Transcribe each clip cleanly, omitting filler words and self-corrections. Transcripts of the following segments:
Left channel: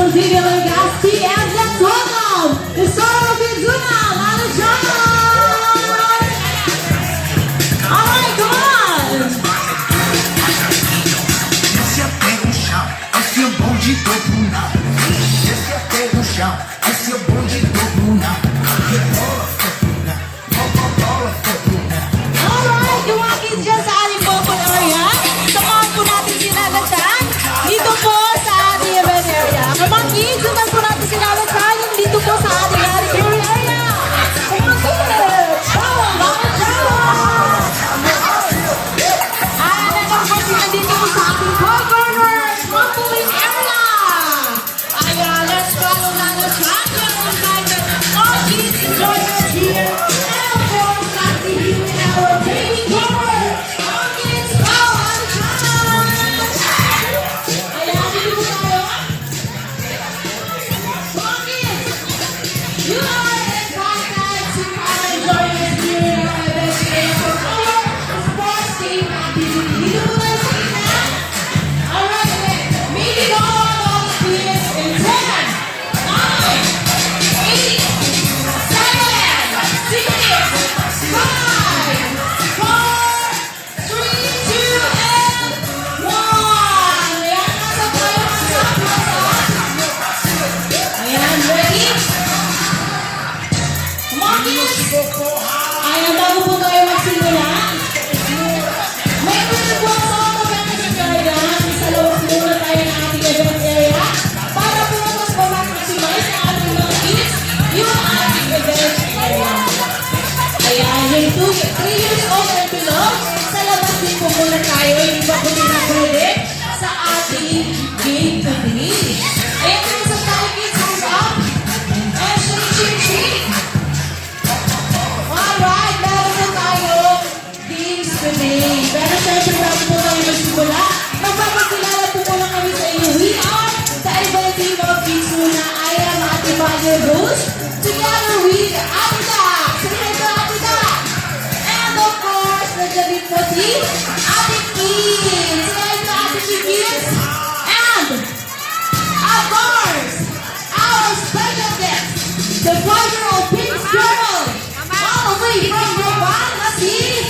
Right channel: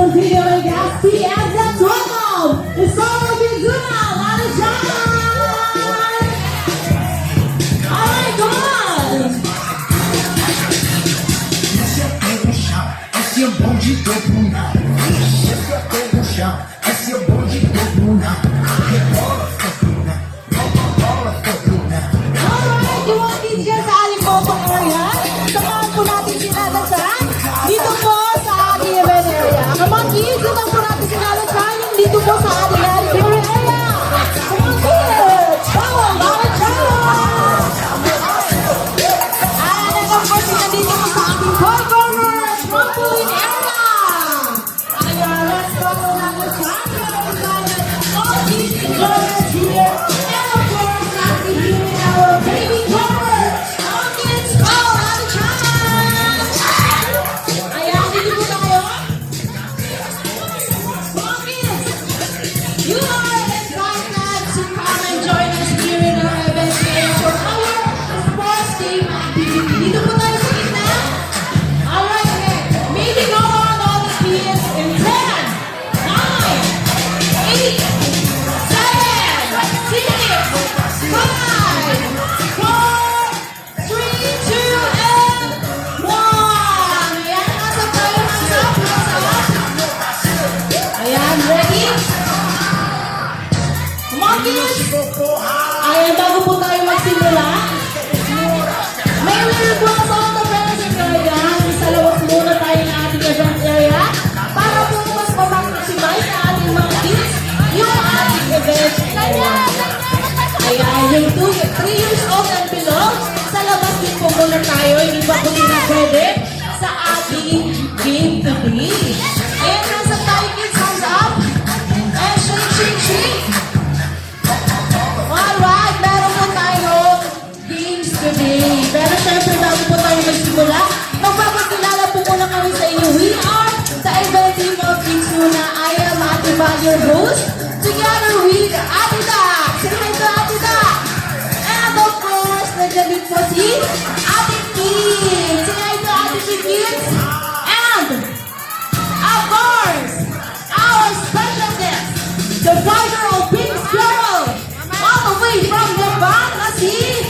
from Video Legacy, and let's welcome the star of Izuna, Lana John! Alright, go on! Desce até o chão, esse é o bonde do Bruna. Desce até o chão, esse é o bonde do Bruna. Rebola, Bruna. Bola, Bruna. Alright, duwagin dyan sa ating vocal area. Samahan po natin si Lana John dito po sa ating event area. Kamang kids, samahan po natin si Lana John dito po sa ating auditorium area. Kamang kids! Wow, Lana John! And then of course, nandito po sa ating boy corner, trampoline area. Ayan, let's follow Lana John. Yan ang Lana. All kids enjoy it here. And of course, natin here in our baby corner. All kids, go, Lana John! Ayan, dito po tayo. Mga kids, you are invited to come and join us here in our event area for our sports team activity. Dito po tayo sa gitna. Alright, okay. Maybe go on all the kids in 10, 9, 8, 7, 6, 5, 4, 3, 2, and 1. Ayan, nasa tayo Ayan, ready? Come on, kids. Ayan, bago po tayo magsimula, may request ako ng parents and guardians. Sa labas muna tayo ng ating event area para po mas ma-maximize sa ating mga kids yung ating event area. Ayan, yung 3 years old and below, sa labas din po muna tayo. Hindi pa po nila pwede sa ating game today. Ayan, friends of tayo kids, hands up. And shake. Alright, meron po tayong games today. Pero syempre, bago po tayo magsimula, magpapakilala po muna kami sa inyo. We are the event team of Izuna. I am Ate Bagyo Rose, together with Ate Dax. Say hi to Ate Dax. And of course, nandiyan din po si Ate Kids. Say hi to Ate Kids. And, of course, our special guest, the 5-year-old Prince Girl, all the way from Japan, na si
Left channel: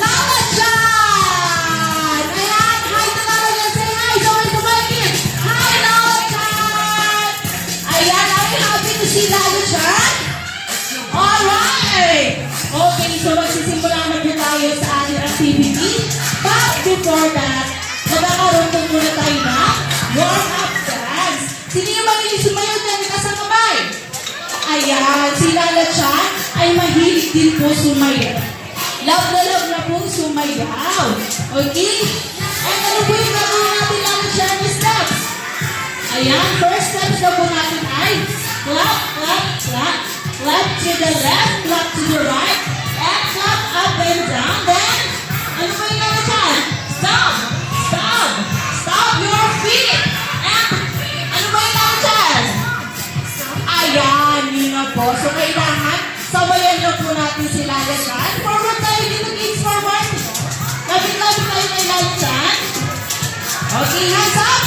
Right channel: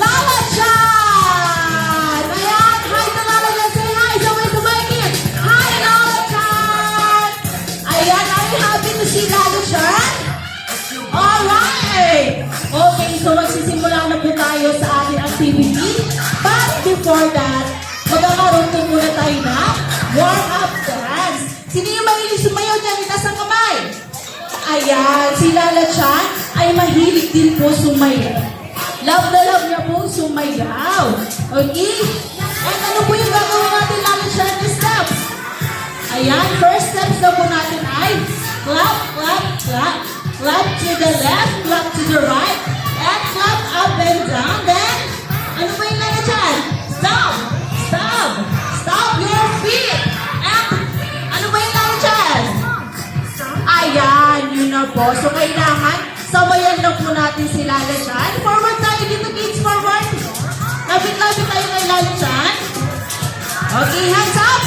Lala Chan! Ayan, hi to Lala Chan. Say hi, somebody to my kids. Hi, Lala Chan! Ayan, are you happy to see Lala Chan? Alright! Okay, so magsisimula na po tayo sa ating activity. But before that, magkakaroon po muna tayo na warm-up dance. Sino yung mahilig sumayaw dyan? Itaas ang kamay. Ayan, si Lala Chan ay mahilig din po sumayaw. Love na pong sumayaw. Okay? And ano po yung gagawin natin, Lala Chan, na steps? Ayan, first steps na po natin ay clap, clap, clap. Clap to the left, clap to the right, and clap up and down. Then, ano po yung Lala Chan? Stop! Stop! Stop your feet! And, ano po yung Lala Chan? Ayan, yun na po. So, kailangan, sabayan lang po natin si Lala Chan. Forward tayo dito, kids, forward. Lapit-lapit tayo kay Lala Chan. Okay, hands up.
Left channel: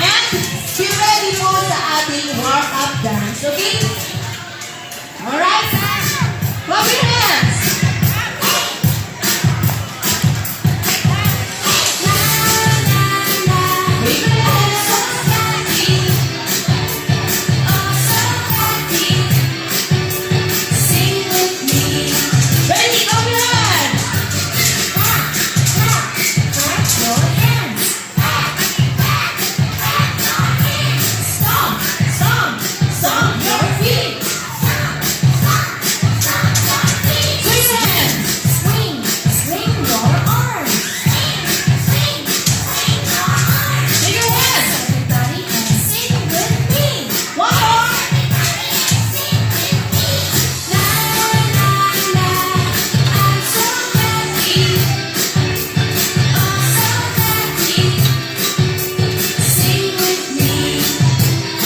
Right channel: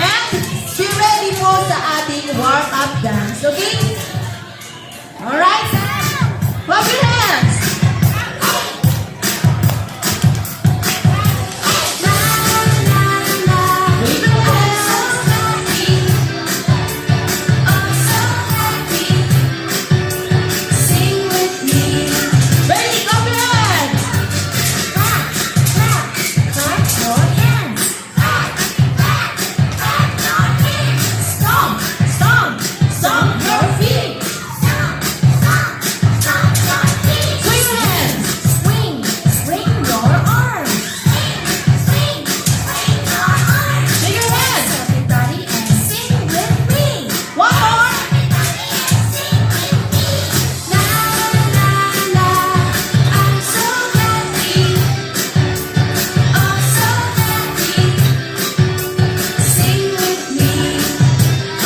And, be ready po sa ating warm-up dance. Okay? Alright? Clap your hands. Wave your hands. Ready, clap your hands. Stomp your feet. Swing your hands. Swing your arms. Swing your hands. One more.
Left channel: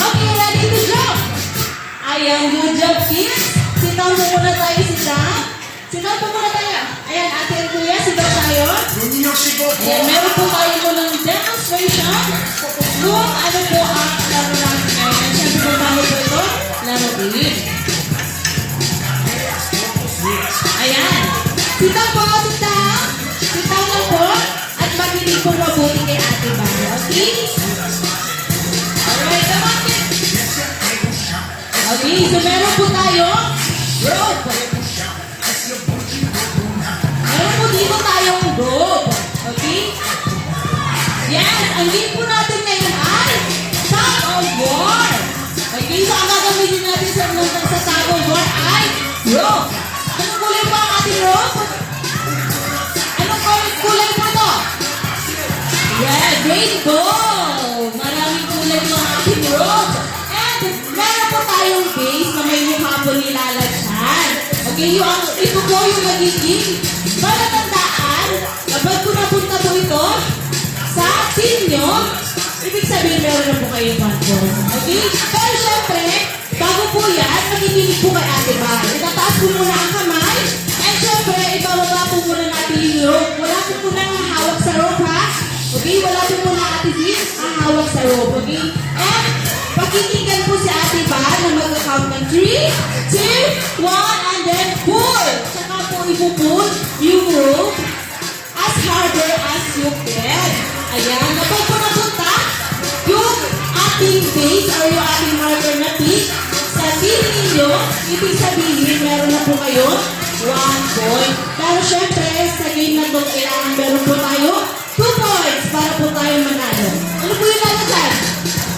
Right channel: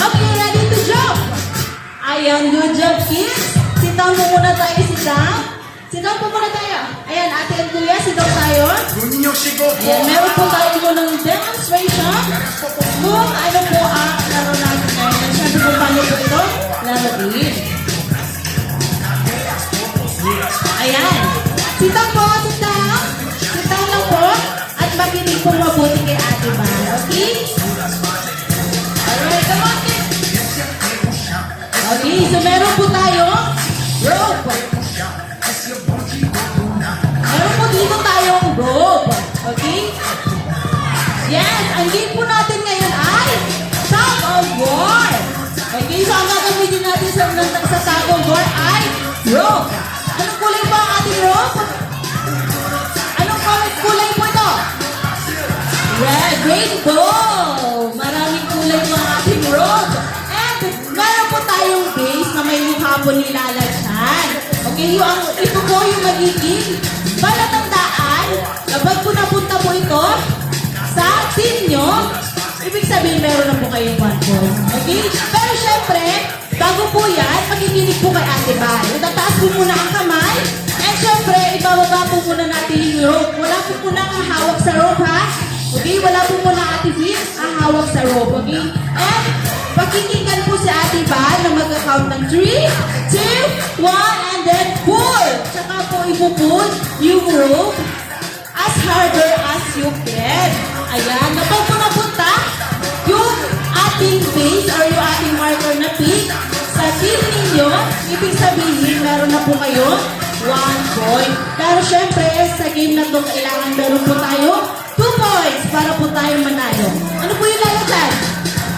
Okay, ready to jump. Ayan, good job, kids. Sitaw mo muna tayo, sitaw. Sitaw po muna tayo. Ayan, ate and kuya, sitaw tayo. Ayan, meron po tayo mo ng demonstration. Kung ano po ang laro so meron po tayo rope. Meron po dito tayong rope. Okay? Yes, ang game po natin ngayon ay tug of war. Okay, so ang gagamitin natin sa tug of war ay rope. Anong kulay ba ang ating rope? Anong kulay po ito? Red, rainbow. Maraming kulay po ang ating rope. And meron po tayong base na may mukha po nilalagyan. Okay, ito po yung magiging palatandaan kapag po napunta po ito sa team nyo, ibig sabihin meron na po kayong 1 point. Okay? Pero syempre, bago po yan, makikinig po kay Ate Val. Itataas po muna ang kamay. And syempre, ibababa po muna natin yung rope. Wala po muna ang hawak sa rope, ha? Okay? Wala po muna Ate Val ang hawak sa rope. Okay? And pakikinggan po si Ate Val na mag-count ng 3, 2, 1, and then pull. Tsaka po ipupull yung rope as harder as you can. Ayan, kapag po napunta yung ating base or yung ating marker na pick sa team ninyo, ibig sabihin meron na po kayo 1 point. Pero syempre, sa game na ito, kailangan meron po tayo 2 points para po tayo manalo. Ano po yung lala dyan?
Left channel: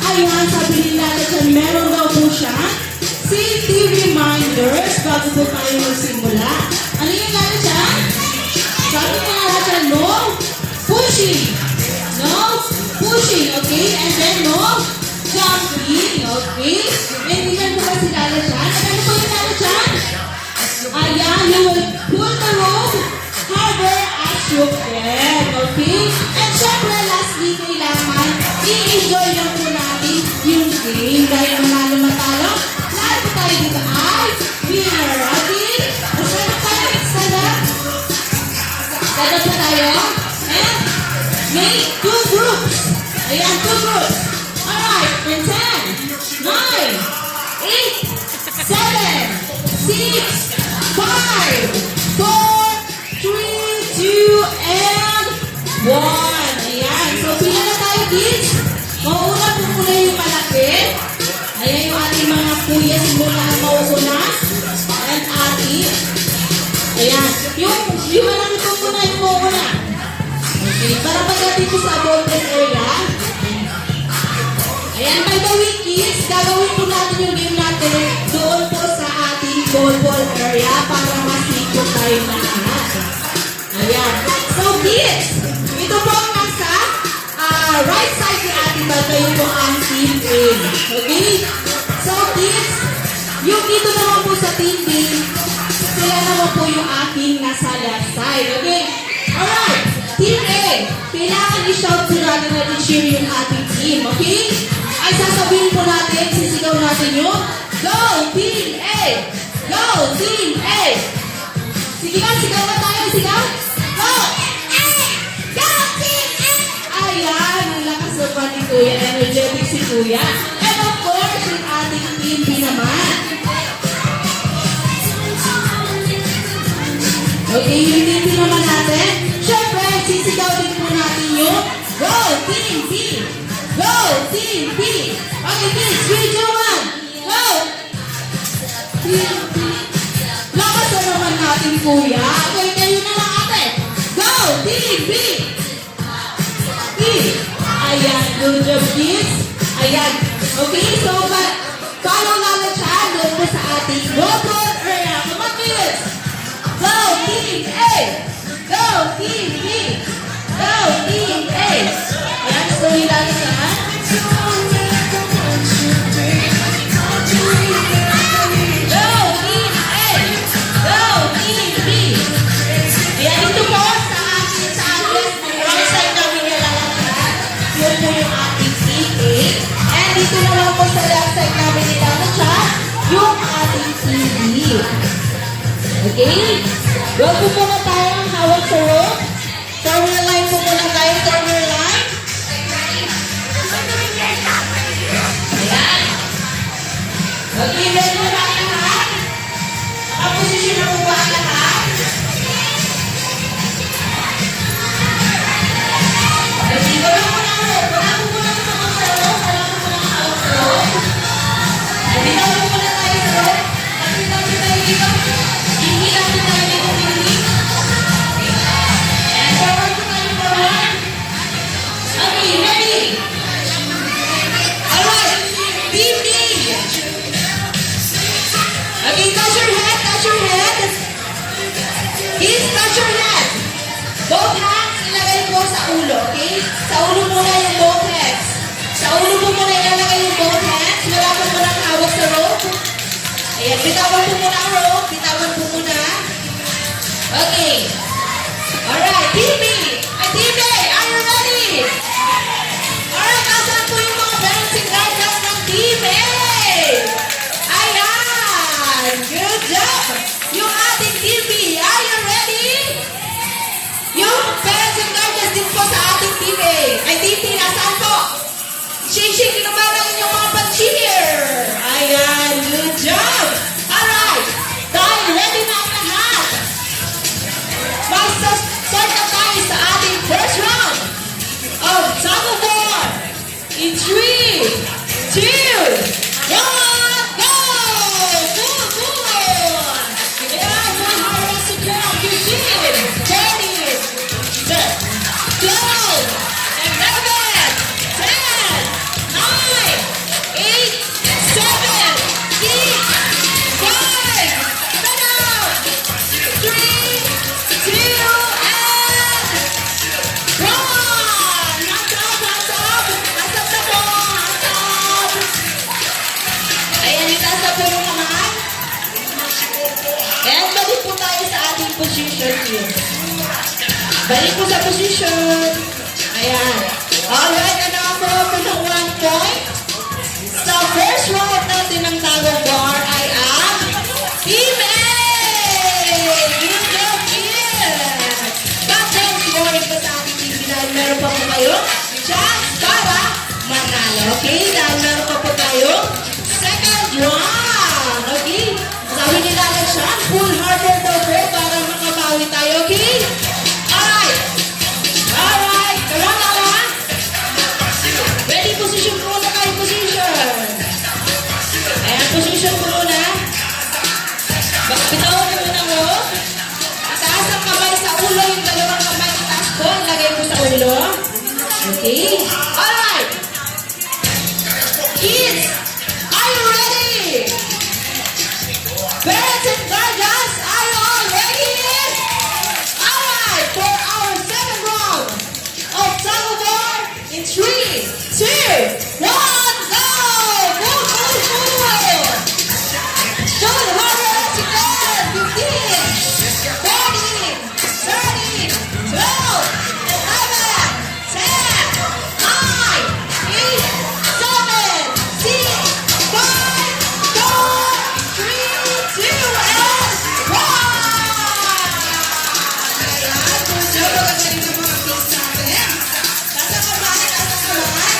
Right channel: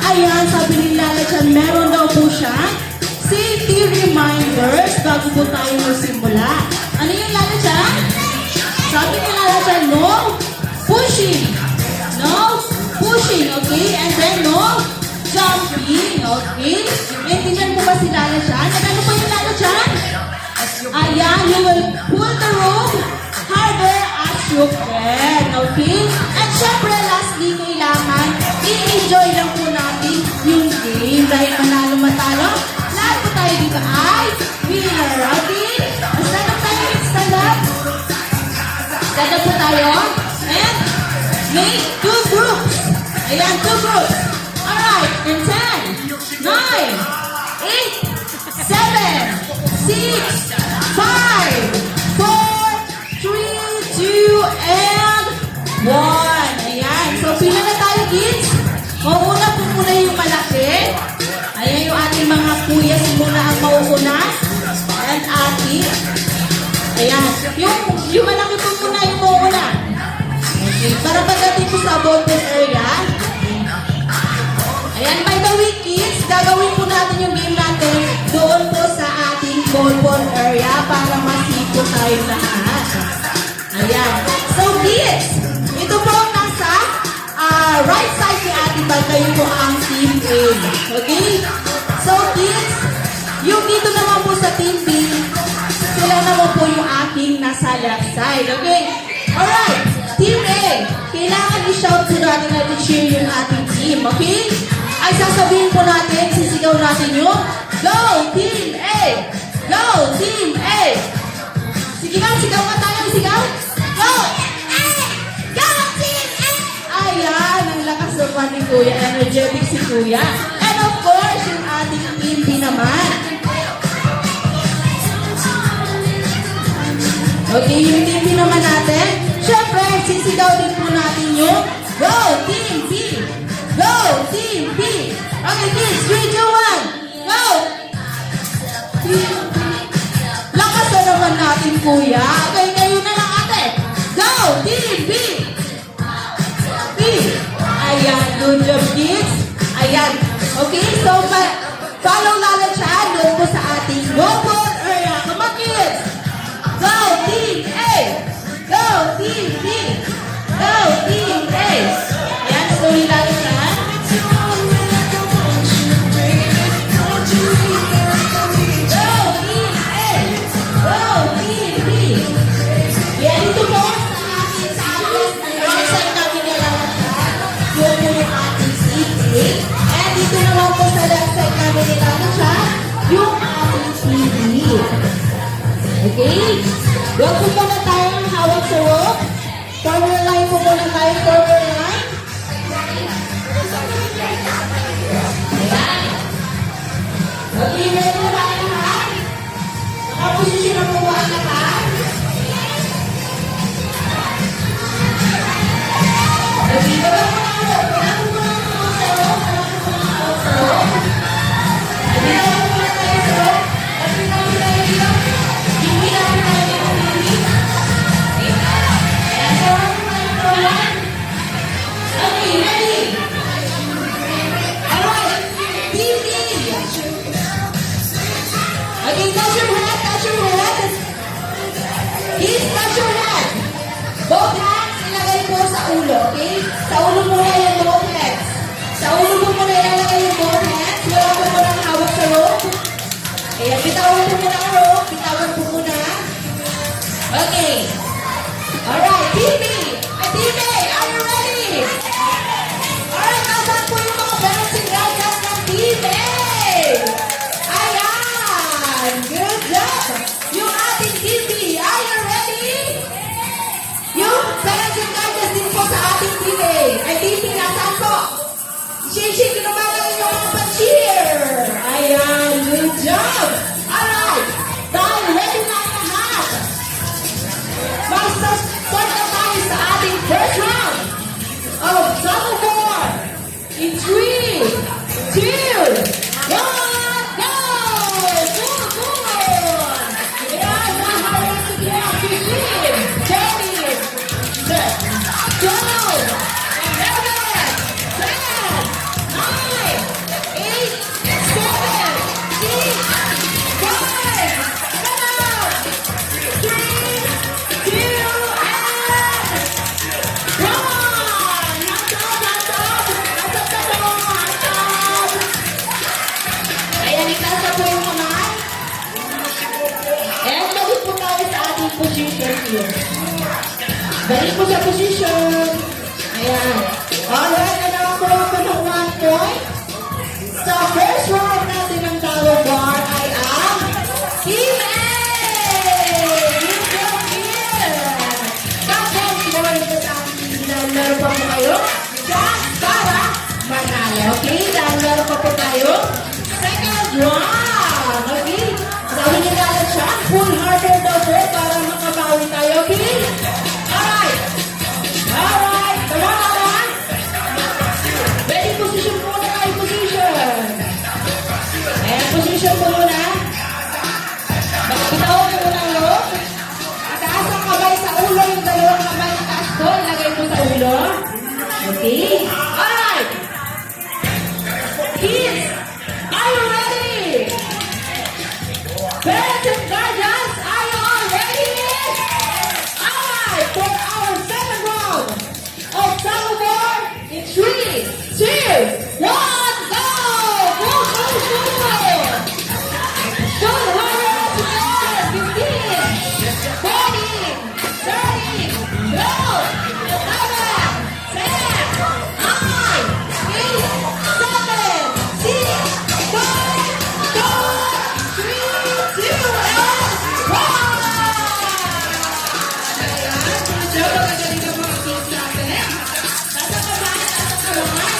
Ayan, sabi ni Lala dyan, meron daw po siya safety reminders bago po tayo magsimula. Ano yung Lala dyan? Sabi ni Lala dyan, no pushing. No pushing, okay? And then no jumping, okay? Naintindihan mo ba si Lala dyan? Ano po yung Lala dyan? Ayan, you will pull the rope harder as you can, okay? And syempre, lastly, kailangan i-enjoy lang po natin yung game dahil manalo matalo. Lahat po tayo dito ay winner, okay? Stand up tayo, stand up. Stand up po tayo. And make 2 groups. Ayan, 2 groups. Alright, in 10, 9, 8, 7, 6, 5, 4, 3, 2, and 1. Ayan. So, pila na tayo, kids. Mauuna po muna yung malaki. Ayan yung ating mga kuya muna ang mauuna. And ati. Ayan. Yung malaki po muna yung mauuna. Okay. Para pagdating ko sa ballpoint area. Ayan, by the way, kids, gagawin po natin yung game natin doon po sa ating ballpoint area para masiko tayo lahat. Ayan. So, kids, ito po ang nasa right side ni Ate Bal. Kayo po ang team A. Okay? So, kids, yung dito naman po sa team B, sila naman po yung aking nasa left side. Okay? Alright. Team A, kailangan i-shout po natin at i-cheer yung ating team. Okay? Ay sasabihin po natin, sisigaw natin yung Go Team A! Go Team A! Sige nga, sigaw ka tayo, sigaw! Go! Go Team A! Ayan, ang lakas ng pa ni Kuya, energetic si Kuya. And of course, yung ating team B naman. Okay, yung team B naman natin. Siyempre, sisigaw din po natin yung Go Team B! Go Team B! Okay, kids, 3, 2, 1, go! Lakas na naman natin, Kuya. Okay, kayo na lang, ate. Go Team B! B! Ayan, good job, kids. Ayan. Okay, so, follow Lala Chan doon po sa ating ballpoint area. Come on, kids! Go Team A! Go Team B! Go Team A! Ayan, so yung Lala Chan. And dito naman po sa left side namin ni Tata Chan, yung ating TV. Okay? Huwag po muna tayo ang hawak sa rope. Forward line po muna tayo, forward line. Ayan. Okay, ready na ba ang lahat? Nakaposisyon na po ba ang lahat? Okay, gawin mo na ang rope. Wala po muna sa mga rope. Wala po muna ang hawak sa rope. Binawa muna tayo sa rope. Bitawan po muna ang rope. Bitawan po muna. Okay. Alright, TV! TV, are you ready? Alright, nasan po yung mga balancing guardians ng TV? Ayan! Good job! Yung ating TV, are you ready? Yung balancing guardians din po sa ating TV. Ay, TV, nasaan po? Shake naman ang inyong mga pa-cheer! Ayan, good job! Alright, dahil ready na ang lahat. Mag-start na tayo sa ating first round of Tug of War. In 3, 2, 1, go! Good, good! Ayan, mga harvest secure ang 15, 20, set, go! 11, 10, 9, 8, 7, 6, 5, 4, 3, 2, and balik po tayo sa ating position here. Balik po sa position. Ayan. Alright, na naman po ako ng 1 point. Sa first round natin ng Tug of War ay ang Team A! Good job here! Countdown scoring po sa ating team. Dahil meron pa po kayo chance para manalo. Okay? Dahil meron pa po tayo second round. Okay? Sabi nila na siya, full harbor buffer para makabawi tayo. Okay? Alright! Alright! Tama ba? Ready position po na kayo position. Ayan, position po muna. Bitawan mo muna ng rope. Itaas ang kamay sa ulo, yung dalawang kamay na taas po, ilagay mo sa ulo. Okay? Alright! Kids, are you ready? Parents and guardians, are you all ready? Alright, for our second round of Tug of War in 3, 2, 1, go! Go, go, go! Go, warriors, you are 15, 14, 13, 12, 11, 10, 9, 8, 7, 6, 5, 4, 3, 2, and 1! Ayan, good job. Magaling na mga kids natin. Nasa kamay, nasa kamay.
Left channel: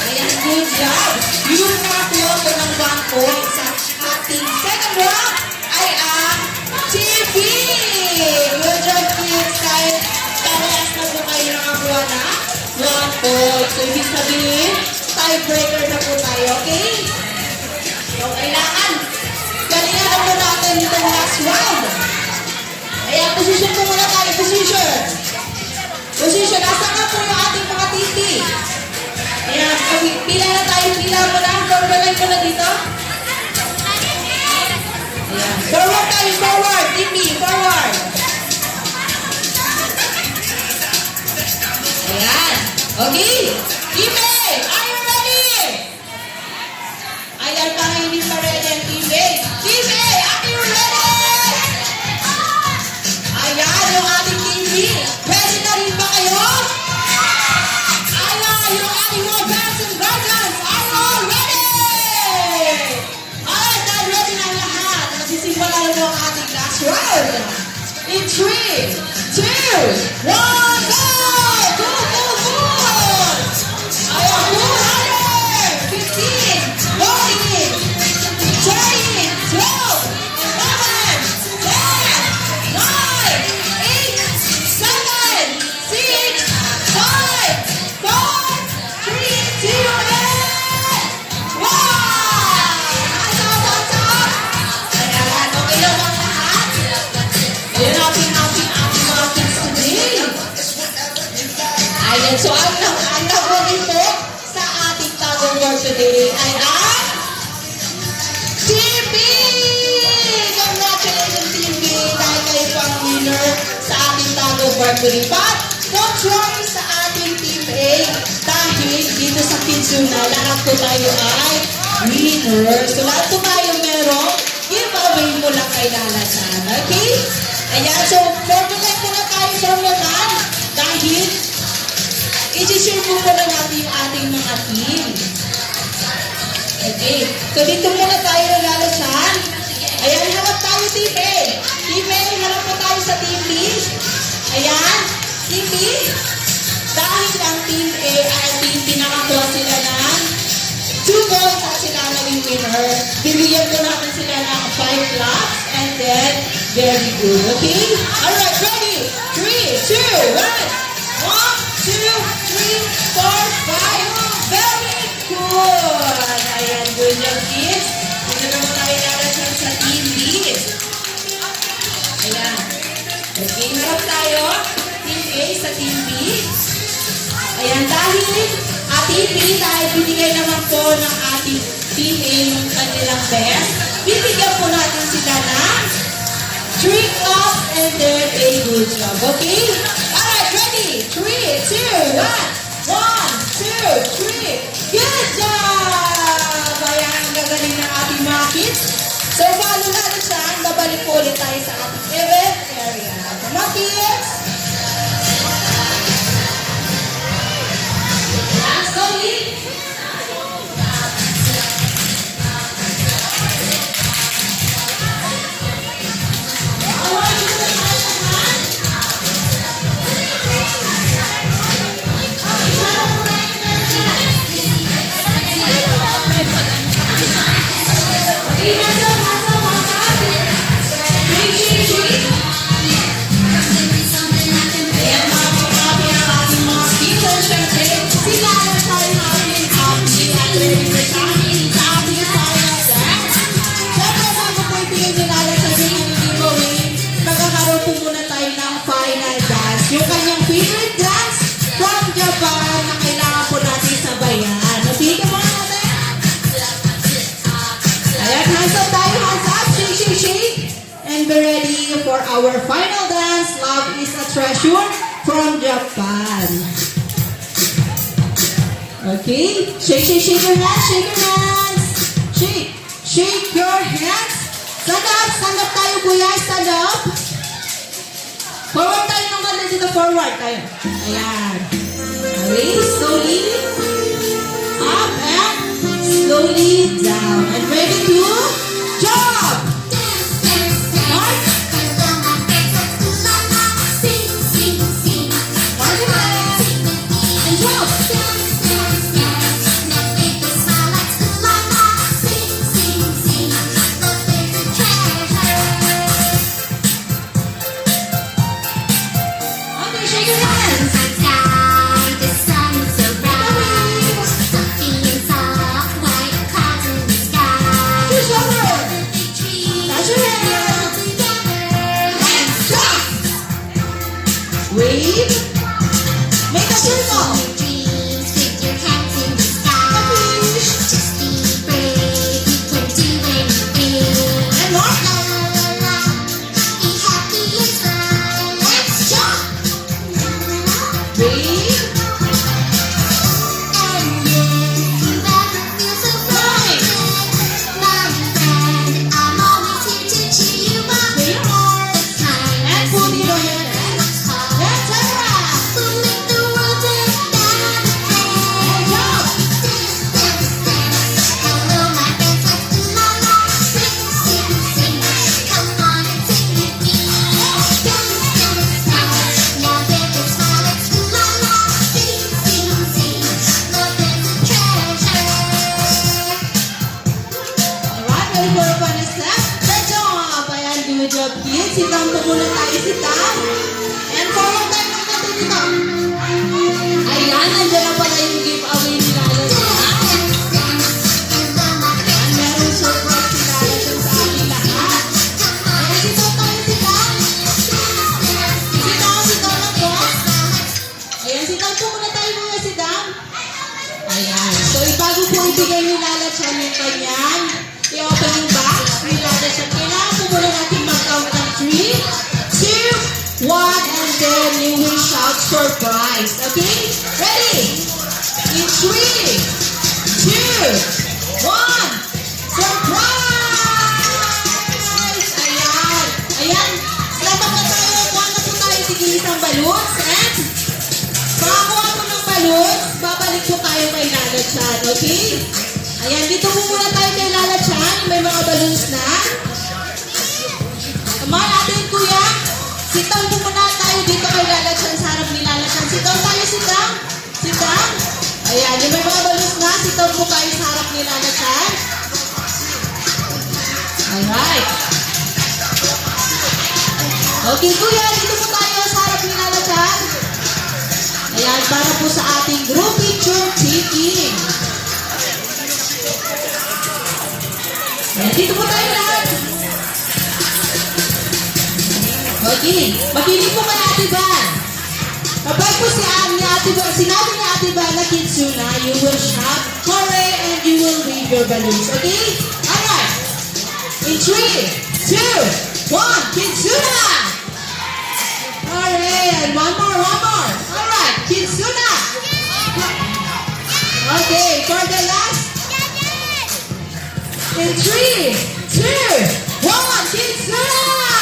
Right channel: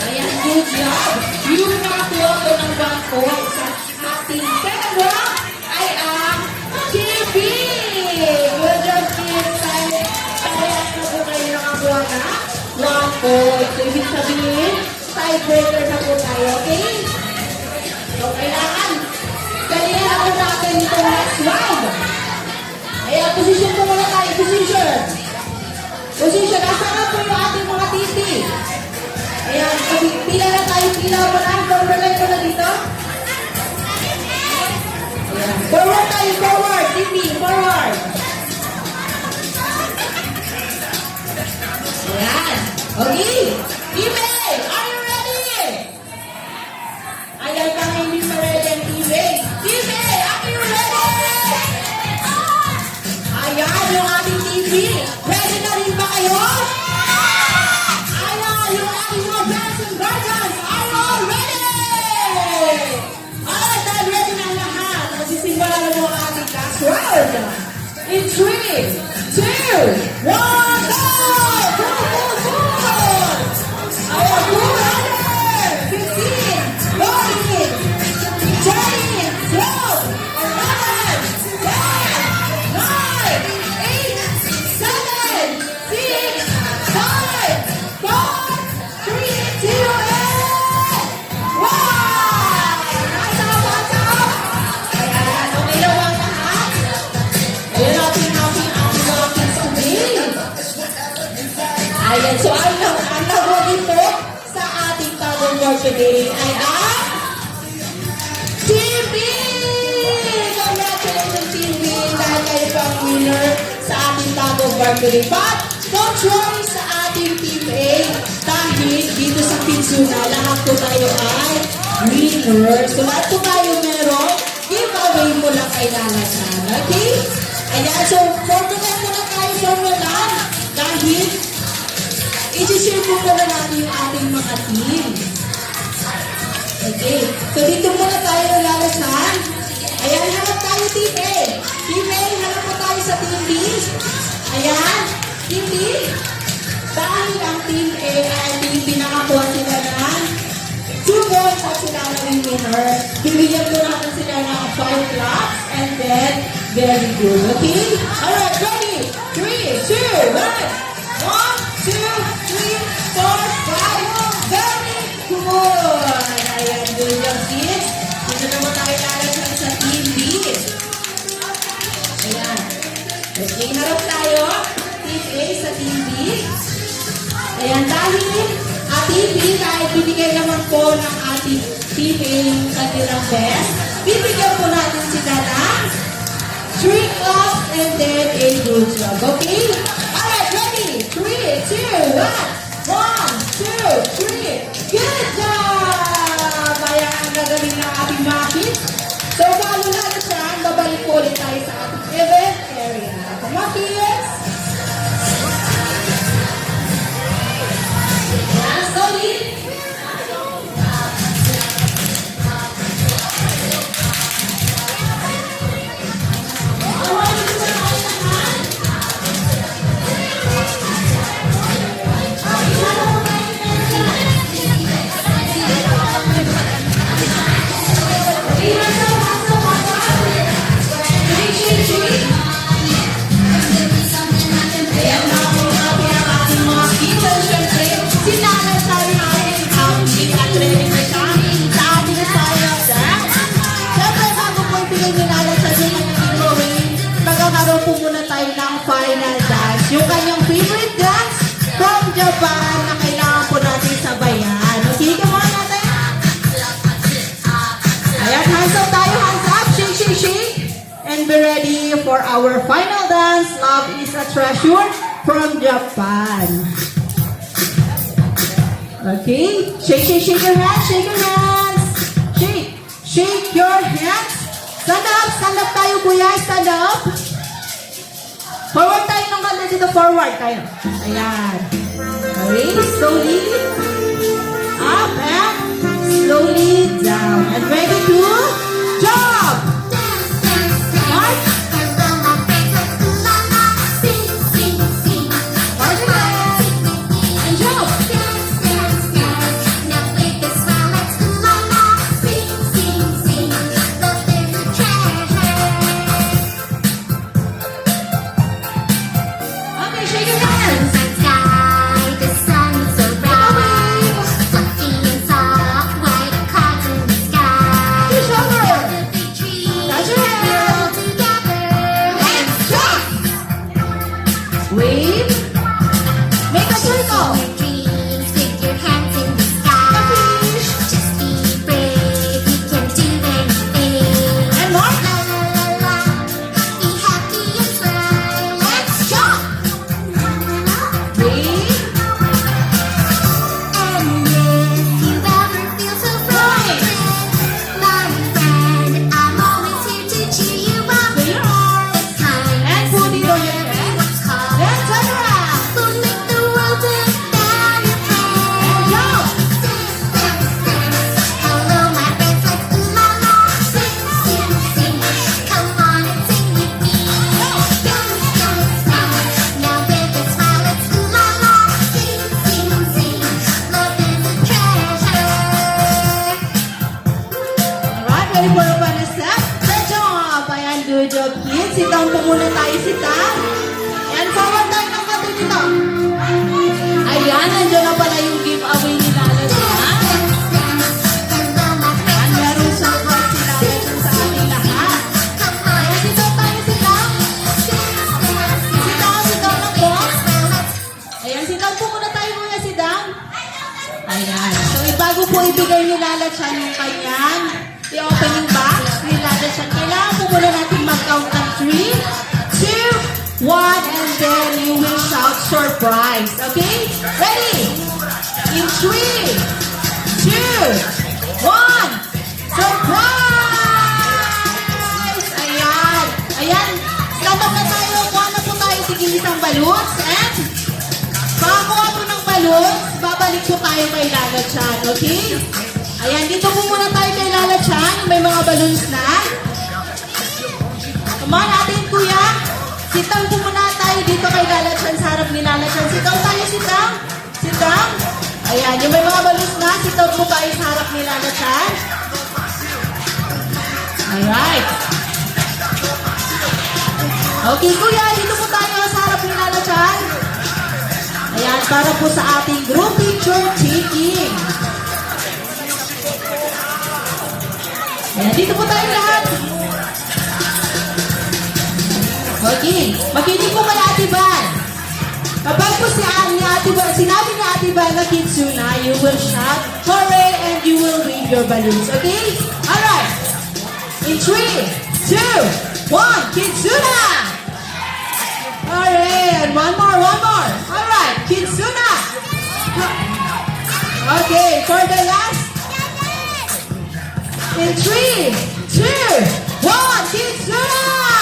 Ayan, good job. Yung nakakuha ko ng bangko sa ating second round ay ang TV. Good job, kids. Dahil parehas na po kayo nakakuha na 1 point. So, ibig sabihin, tiebreaker na po tayo, okay? So, kailangan galingan po natin dito next round. Ayan, position po muna tayo. Position. Position. Asa nga po yung ating mga titi? Ayan, pila na tayo. Pila mo na. Forward mo na dito. Ayan. Forward tayo. Forward. Titi. Forward. Ayan. Okay. Ime, are you ready? Ayan pa nga hindi pa ready ang Ime. Ime, are you ready? Ayan, yung ating TV. Ready na rin ba kayo? Ayan, yung ating mga parents and guardians. Are you all ready? Alright, dahil ready na lahat. Magsisimula na yung ating last round. In 3, 2, 1, go! Go, go, go! Ayan, go, runner! 15, 14, 20, 12, 11, 10, 9, 8, 7, 6, 5, 4, 3, 2, and 1! Ayan, okay lang ba lahat? Ayan natin ating mga kids today. Ayan, so ang nahuli po sa ating Tug of War today ay ang TV! Congratulations, TV! Dahil kayo po ang winner sa ating Tug of War today. But, don't worry sa ating Team A dahil dito sa Pizuna, lahat po tayo ay winner. So, lahat po tayo meron kay Lala Chan. Okay? Ayan, so formula na tayo formula dahil i-share muna na natin yung ating mga team. Okay, so dito muna tayo Lala Chan. Ayan, harap tayo Team A. Team A, harap po tayo sa Team B. Ayan, Team B. Dahil ang Team A ay pinakakuha sila ng 2 goals at sila naging winner. Bibigyan ko natin sila ng 5 laps and then very good. Okay? Alright, ready? 3, 2, 1. 1, 2, 3, 4, 5. Very good. Ayan, good job kids. Dito naman tayo lalagyan sa Team B. Ayan. Okay, meron tayo. Team A sa Team B. Ayan, dahil Team B, dahil binigay naman po ng ating Team A yung kanilang best, bibigyan po natin sila ng 3 up and then a good job. Okay? Alright, ready? 3, 2, 1. 1, 2, 3. Good job! Ayan, ang gagaling ng ating mga kids. So, follow natin siya. Babalik po ulit tayo sa ating event area. Come on, kids! Yung kanyang favorite dance from Japan na kailangan po natin sabayan. Sige muna natin. Ayan, hands up tayo, hands up. Shake, shake, shake. And be ready for our final dance. Love is a treasure from Japan. Okay. Shake, shake, shake your hands. Shake your hands. Shake. Shake your hands. Stand up tayo, kuya. Stand up. Forward tayo ng ganda dito. Forward tayo. Ayan. Okay, slowly. Up and slowly down. And ready to jump. Mark. Mark it up. And jump. Okay, shake your hands. Push over. Touch your hands. And stop. Wave. Make a circle. And more. Wave. And pull the other hand. Then turn around. And jump. Alright, ready for the final step? Good job! Ayan, good job, kids. Sit down po muna tayo, sit down. And forward tayo ng konti dito. Ayan, nandiyan na pala yung giveaway ni Lala Chan. Ayan, merong surprise si Lala Chan sa ating lahat. Ayan, sit down tayo, sit down. Sit down lang po. Ayan, sit down po muna tayo muna, sit down. Ayan. So, bago po ibigay ni Lala Chan yung kanyang i-opening box ni Lala Chan, kailangan po muna natin mag-count ng 3, 2, 1, and then you will shout surprise. Okay? Ready? In 3, 2, 1, surprise! Ayan. ng balloons and pakakuha po ng balloons, babalik po tayo kay Lala Chan, okay? Ayan, dito po muna tayo kay Lala Chan. May mga balloons na. Come on, atin kuya. Sit down po muna tayo dito kay Lala Chan sa harap ni Lala Chan. Sit down tayo, sit down. Sit down. Ayan, yung may mga balloons na. Sit down po tayo sa harap ni Lala Chan. Alright. Okay, kuya, dito po tayo sa harap ni Lala Chan. Ayan, para po sa ating group picture taking. Ayan, dito po tayo lahat. Okay, makinig po kay Ate Van. Kapag po sinabi ni Ate Van na Kitsuna, you will shout, hooray, and you will wave your balloons, okay? Alright. In 3, 2, 1, Kitsuna! Hooray! And one more. Alright, Kitsuna! Okay, for the last. In 3, 2, 1, Kitsuna!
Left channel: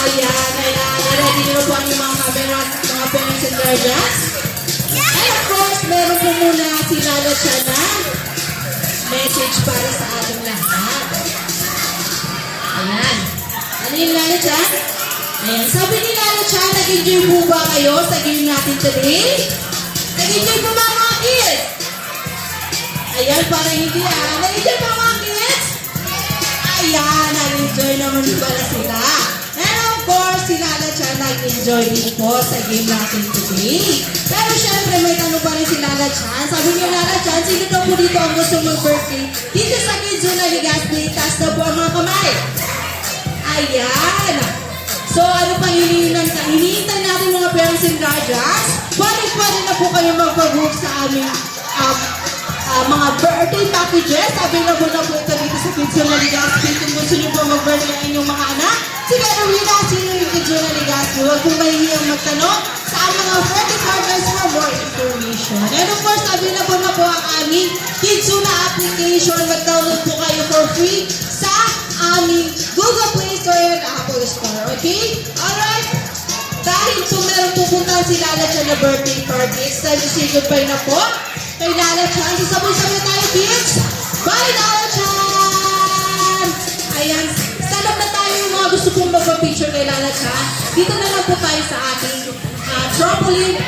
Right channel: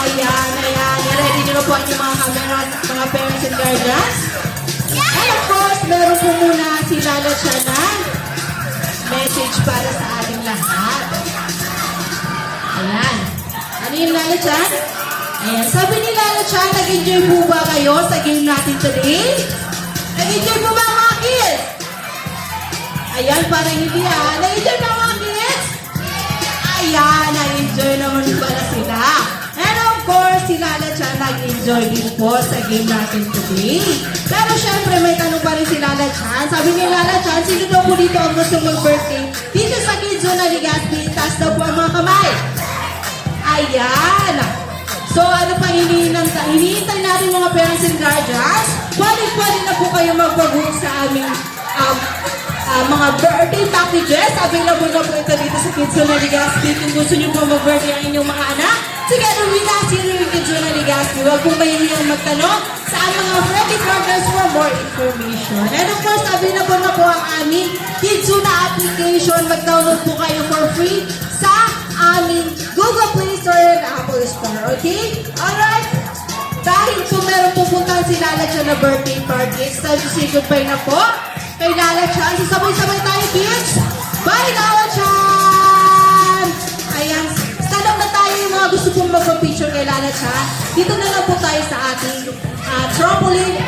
Ayan. Ready nyo na po ang inyong mga camera, mga parents and guardians. And of course, meron po muna si Lala Chan na message para sa ating lahat. Ayan. Ano yung Lala Chan? Ayan. Sabi ni Lala Chan, nag-enjoy po ba kayo sa game natin today? Nag-enjoy po ba mga kids? Ayan, parang hindi nag-enjoy ba mga kids? Ayan, nag-enjoy naman pala sila. And of course, si Lala Chan nag-enjoy din po sa game natin today. Pero syempre, may tanong pa rin si Lala Chan. Sabi ni Lala Chan, sino daw po dito ang gusto mag-birthday? Dito sa Kids Zone Legazpi, taas daw po ang mga kamay. Ayan. So, ano pa hinihintay natin mga parents and guardians? Pwede na po kayo mag-book sa aming mga birthday packages. Available na po ito dito sa Kids Zone Legazpi. Kung gusto niyo po mag-birthday ang inyong mga anak, sige, bumila sino yung Kids Zone Legazpi. Huwag kong mahihiyang magtanong sa aming mga friendly partners for more information. And of course, available na po ang aming Kids Zone application. Mag-download po kayo for free sa aming Google Play Store and Apple Store. Okay? Alright? Dahil meron pupunta si Lala Chan na birthday party, it's time to say goodbye na po kay Lala Chan. So, sabay-sabay tayo, kids. Bye, Lala Chan! Ayan. Stand up na tayo yung mga gusto pong magpa-picture kay Lala Chan. Dito na lang po tayo sa ating trampoline